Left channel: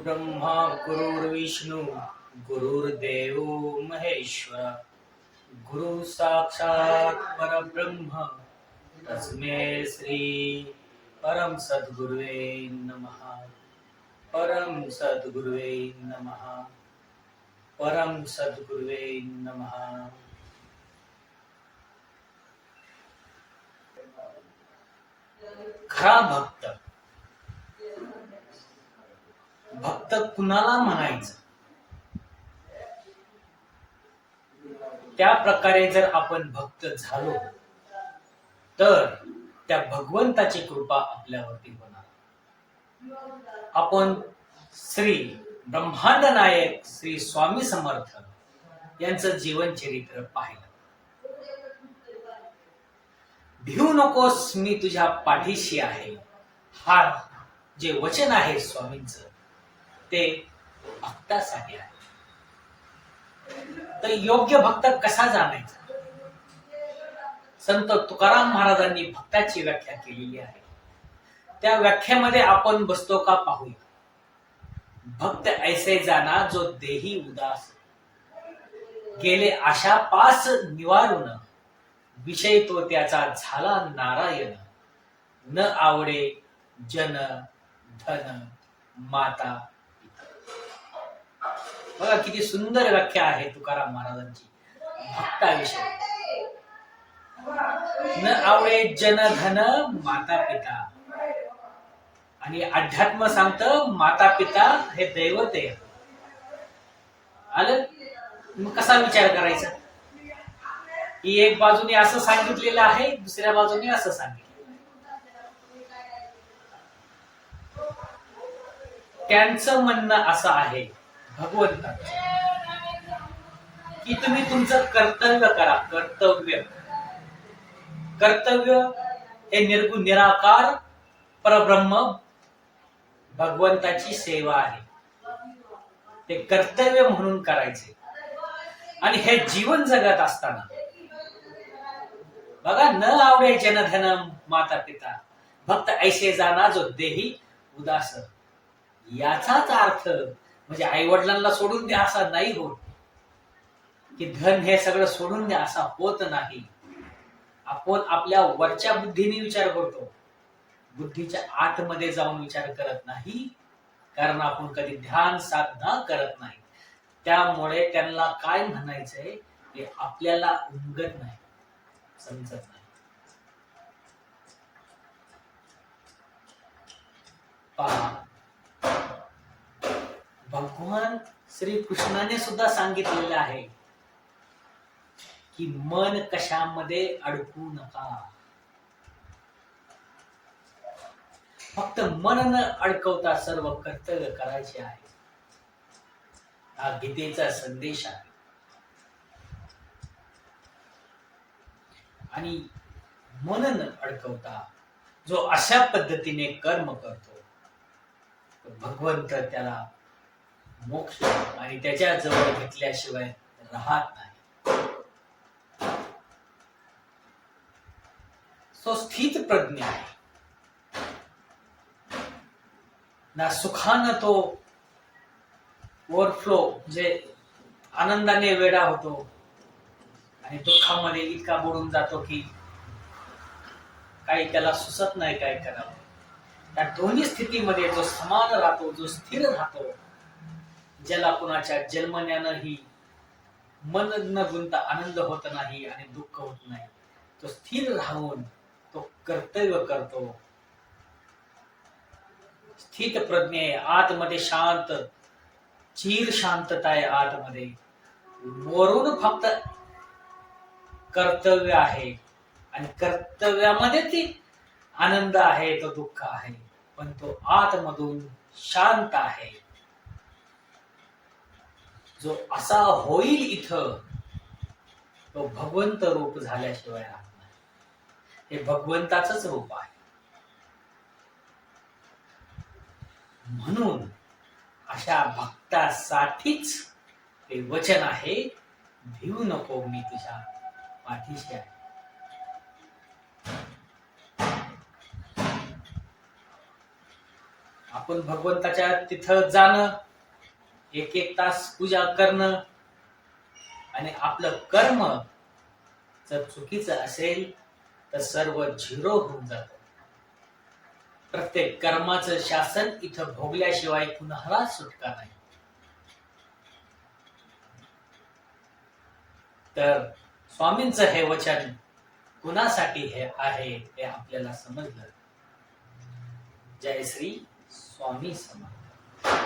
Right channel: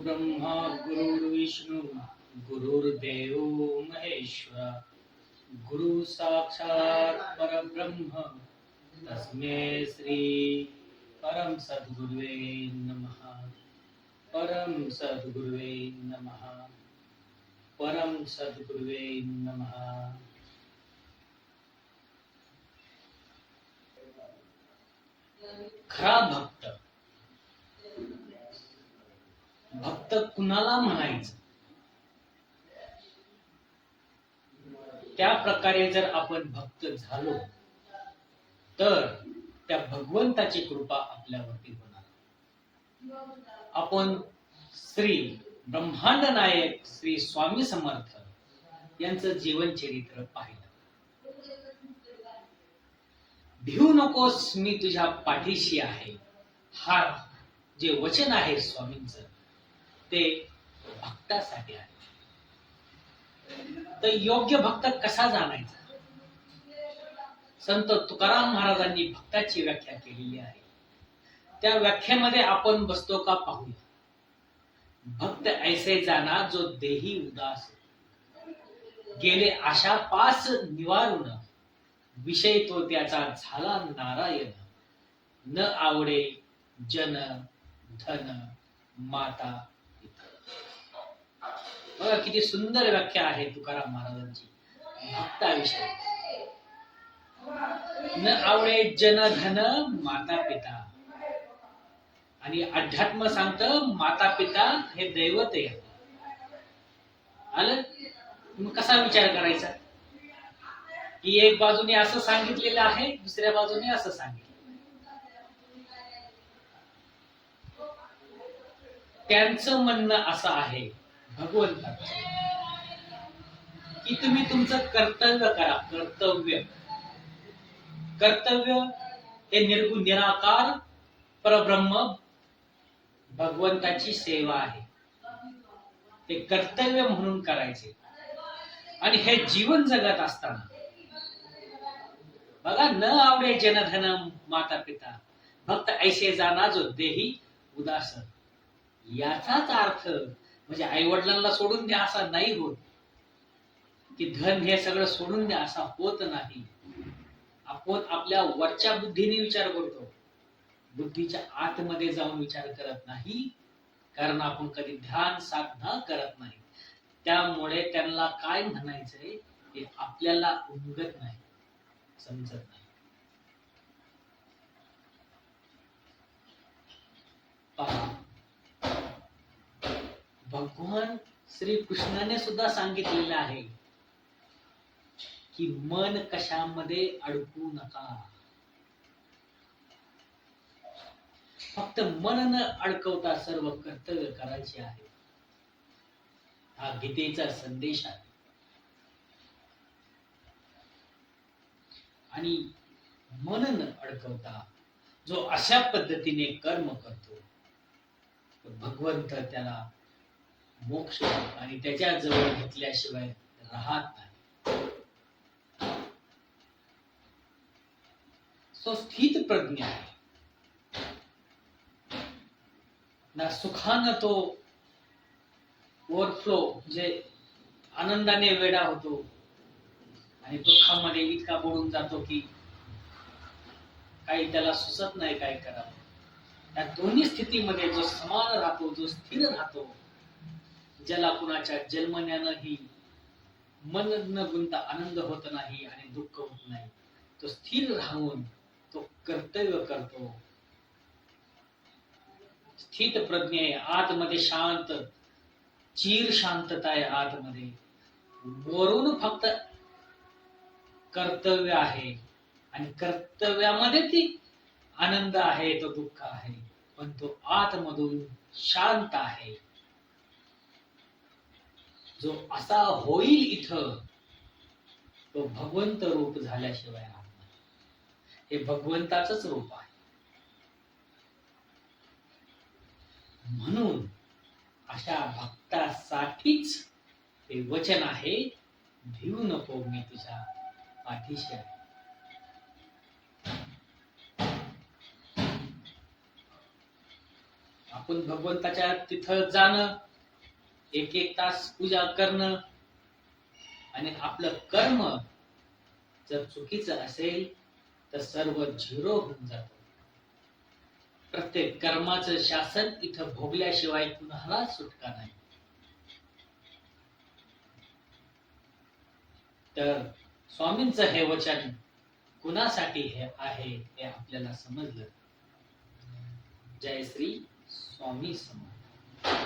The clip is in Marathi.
गुरुर्ब्रह्मा गुरुर्विष्णू गुरुर्देव महेश्वर। गुरु साक्षात परब्रह्म तस्मे श्री परम सद्गुरुवे नमः। परम सद्गुरुवे नमः। परम सद्गुरुवे नमः। खरा भक्त। भक्त कुणाला म्हणायचं? त्या प्रकारे जर आपण भक्त झालो तर त्या भगवंताची कृपा आपल्यावरती होणार. आपण श्री ब्रह्मांड नायक श्री स्वामी समर्थ यांचं जीवन चरित्र पाहिलं. भिवू नकोस मी तुझ्या पाठीशी आहे. हा जे वचन आहे स्वामींचं ते भक्तासाठी आहे तर योग्य भक्त कसा जाणायचा? संत तुकाराम महाराजांनी भक्ताची व्याख्या केलेली आहे. त्या व्याख्यामध्ये आपण बसतो का पाहूया. भक्त ऐसे जाना जो देही उदास. गेले आशा पास निवारून विषय तो त्याचा झाला नारायण. न आवडे जन धन माता बघा किती सुंदर व्याख्या आहे तुकाराम महाराजांची. भक्ताविषयी. न आवडे जन धन माता पिता आणि अध्यात्म सांगत माता पिता हे दैवत आहे. आलं? मग कसा विचार करायचा? की एक बाजूने असं सांगितलेलं आहे दुसऱ्या बाजूने असं सांगितलं. त्यांचं म्हणणं असं आहे भगवंतात. की तुम्ही तुमचं कर्तव्य करा कर्तव्य. कर्तव्य हे निर्गुण निराकार परब्रह्म भगवंताची सेवा आहे. ते कर्तव्य म्हणून करायचे. आणि हे जीवन जगत असताना बघा न आवडे जनधन माता पिता भक्त ऐसे जाना जो देही उदास. याचाच अर्थ म्हणजे आई वडिलांना सोडून द्या असा नाही होत. की धन हे सगळं सोडून द्या असा होत नाही. आपण आपल्या वरच्या बुद्धीने विचार करतो. बुद्धीच्या आतमध्ये जाऊन विचार करत नाही. कारण आपण कधी ध्यान साधना करत नाही. त्यामुळे त्यांना काय म्हणायचंय? हे आपल्याला उमगत नाही. समजत नाही. भगवान श्री कृष्णाने सुद्धा सांगितलेलं आहे की मन कशामध्ये अडकू नका. फक्त मन न अडकवता सर्व कर्तव्य करायचे आहे. हा गीतेचा संदेश आहे. आणि मन न अडकवता जो अशा पद्धतीने कर्म करतो भगवंत त्याला मोक्ष आणि त्याच्याजवळ घेतल्याशिवाय राहत नाही. सो स्थित प्रज्ञ आहे. ना सुखानं तो ओव्हरफ्लो म्हणजे आनंदाने वेडा होतो आणि दुःखामध्ये इतका बुडून जातो की काही त्याला सुचत नाही काय करावं. या दोन्ही स्थितीमध्ये जो समान राहतो जो स्थिर राहतो ज्याला कुणाच्या जन्मण्यानंही मन न गुंता आनंद होत नाही आणि दुःख होत नाही. तो स्थिर राहून तो कर्तव्य करतो. स्थित प्रज्ञे आतमध्ये शांत चीर शांतता आहे आतमध्ये. वरून फक्त कर्तव्य आहे आणि कर्तव्यामध्ये ती आनंद आहे तो दुःख आहे पण तो आतमधून शांत आहे. जो असा होईल इथं तो भगवंत रूप झाल्याशिवाय हे भगवंताच रूप आहे. म्हणून अशा भक्तासाठीच ते वचन आहे भिवू नको मी तुझ्या पाठीशी आहे. आपण भगवंताच्या तिथं जाणं एक एक तास पूजा करणं आणि आपलं कर्म जर चुकीचं असेल तर सर्व झिरो होऊन जात. प्रत्येक कर्माचं शासन इथं भोगल्याशिवाय कुणाला सुटका नाही. तर स्वामींचं हे वचन कुणासाठी हे आहे हे आपल्याला समजलं. जय श्री स्वामी समर्थ.